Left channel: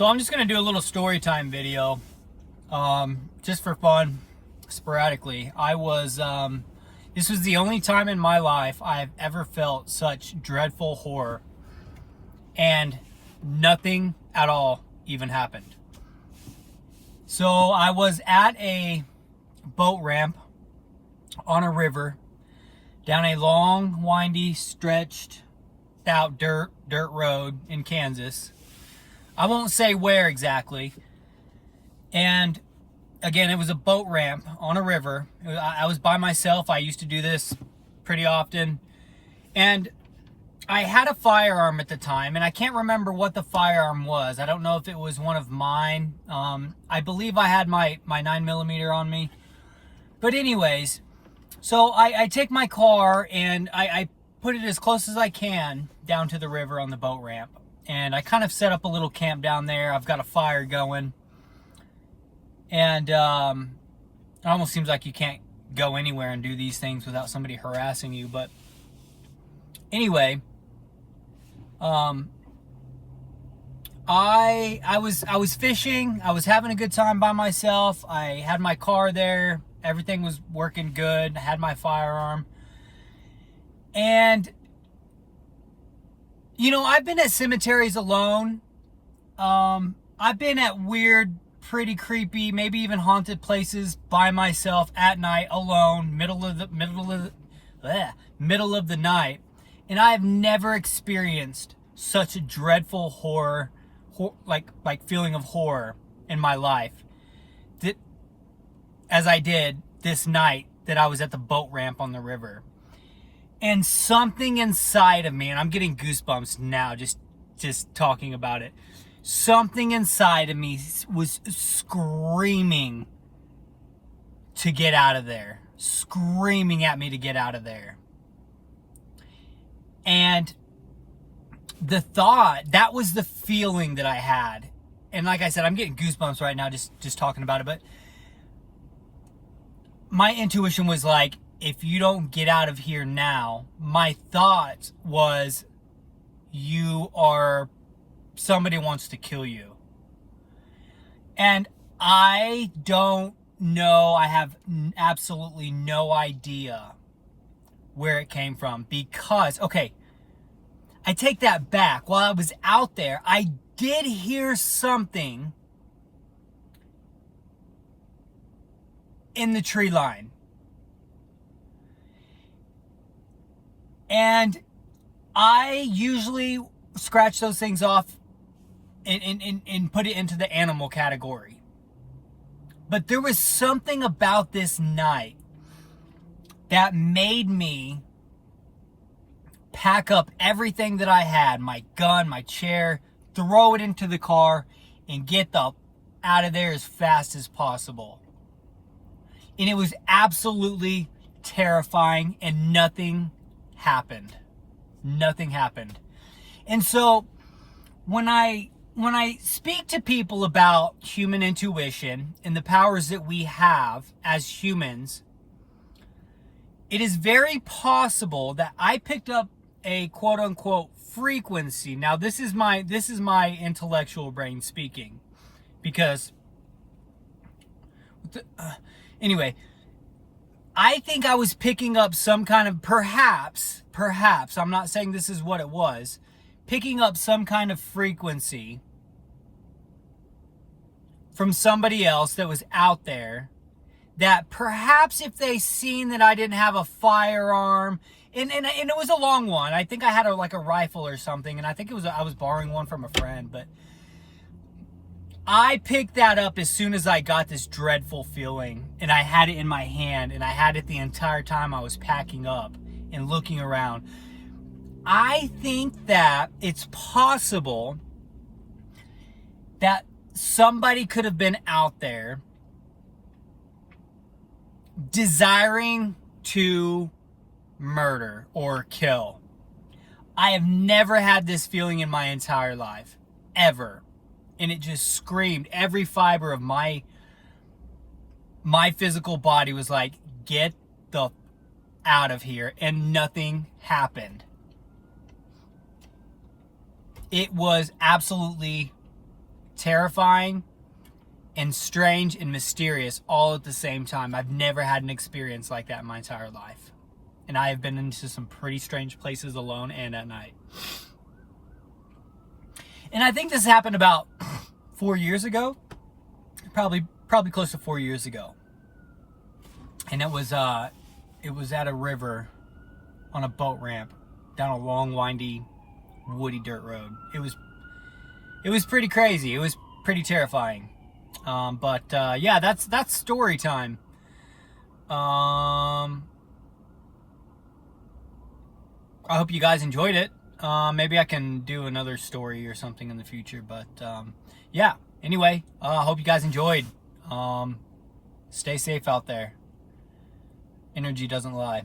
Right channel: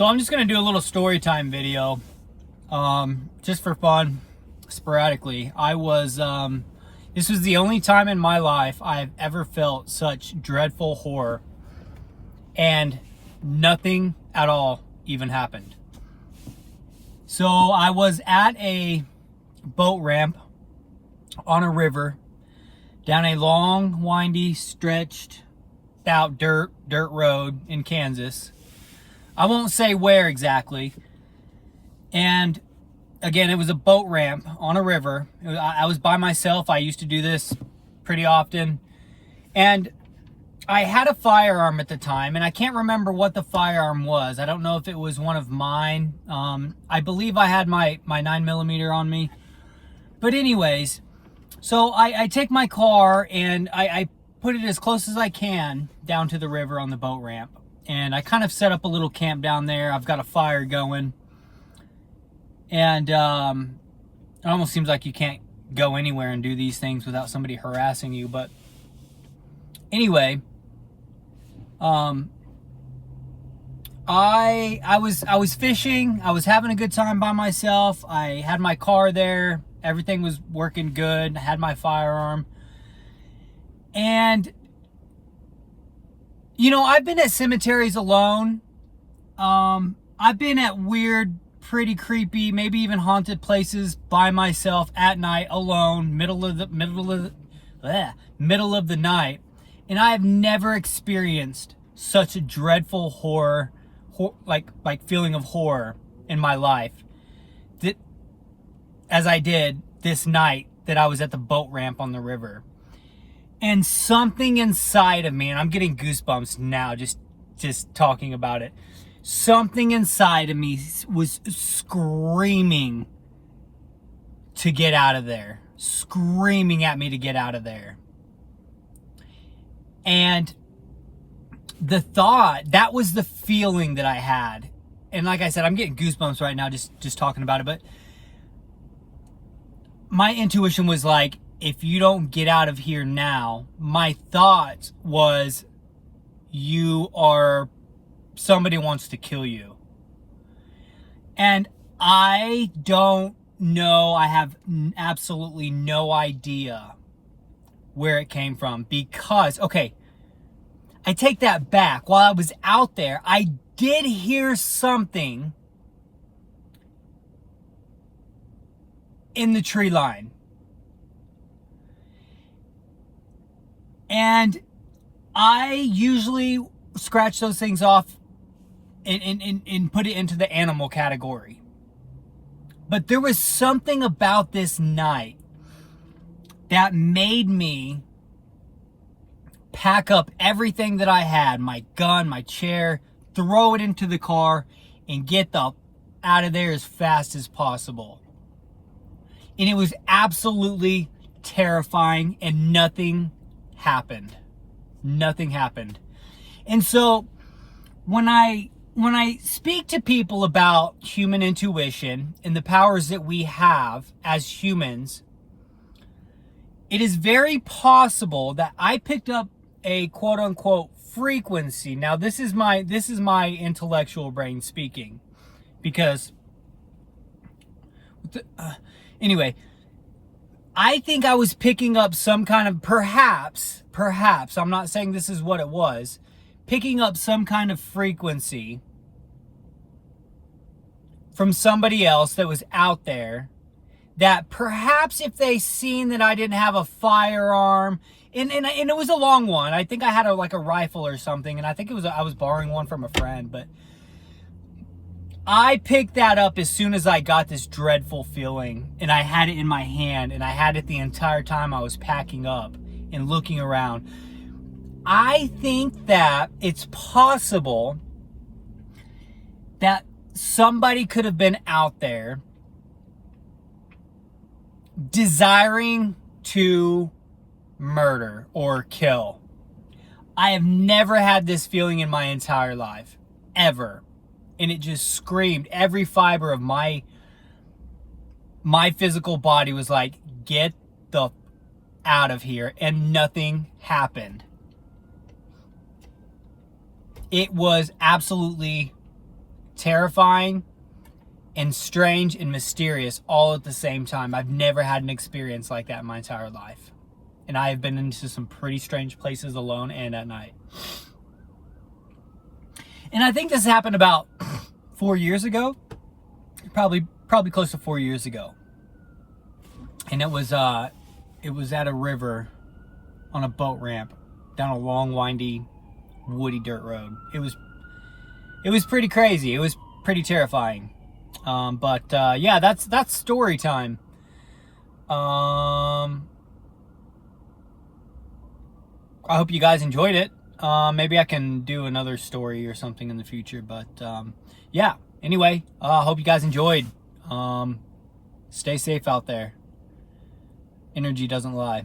So I'm just going to do a little story time video, just for fun, sporadically. This was the only time in my life I've ever felt such dreadful horror, and nothing at all even happened. So I was at a boat ramp on a river, down a long, windy, stretched out dirt road in Kansas. I won't say where exactly. And again, it was a boat ramp on a river. I was by myself. I used to do this pretty often. And I had a firearm at the time, and I can't remember what the firearm was. I don't know if it was one of mine. I believe I had my 9mm on me. But anyways, so I take my car and I put it as close as I can down to the river on the boat ramp. And I kind of set up a little camp down there. I've got a fire going. And it almost seems like you can't go anywhere and do these things without somebody harassing you. But anyway, I was fishing. I was having a good time by myself. I had my car there. Everything was working good. I had my firearm. And you know, I've been at cemeteries alone. I've been at weird, pretty creepy, maybe even haunted places by myself at night, alone, middle of the night, and I have never experienced such a dreadful horror, like feeling of horror in my life, that as I did this night that I was at the boat ramp on the river. And something inside of me, and I'm getting goosebumps now just talking about it. Something inside of me was screaming to get out of there. Screaming at me to get out of there. And the thought, that was the feeling that I had. And like I said, I'm getting goosebumps right now just talking about it. But my intuition was like, if you don't get out of here now, my thought was, somebody wants to kill you. And I don't know, I have absolutely no idea where it came from, because, okay, I take that back. While I was out there, I did hear something in the tree line. And I usually scratch those things off and put it into the animal category. But there was something about this night that made me pack up everything that I had, my gun, my chair, throw it into the car, and get out of there as fast as possible. And it was absolutely terrifying, and nothing happened. Nothing happened. And so when I speak to people about human intuition and the powers that we have as humans, it is very possible that I picked up a quote unquote frequency. Now this is my intellectual brain speaking, because anyway, I think I was picking up some kind of, perhaps, I'm not saying this is what it was, picking up some kind of frequency from somebody else that was out there, that perhaps if they seen that I didn't have a firearm, and it was a long one. I think I had a rifle or something, and I think I was borrowing one from a friend, but I picked that up as soon as I got this dreadful feeling, and I had it in my hand, and I had it the entire time I was packing up and looking around. I think that it's possible that somebody could have been out there desiring to murder or kill. I have never had this feeling in my entire life, ever. And it just screamed. Every fiber of my physical body was like, get the out of here. And nothing happened. It was absolutely terrifying and strange and mysterious all at the same time. I've never had an experience like that in my entire life. And I have been into some pretty strange places alone and at night. And I think this happened about 4 years ago. Probably close to 4 years ago. And it was at a river on a boat ramp down a long, windy, woody dirt road. It was pretty crazy. It was pretty terrifying. Yeah, that's story time. I hope you guys enjoyed it. Maybe I can do another story or something in the future, but yeah. Anyway, hope you guys enjoyed. Stay safe out there. Energy doesn't lie.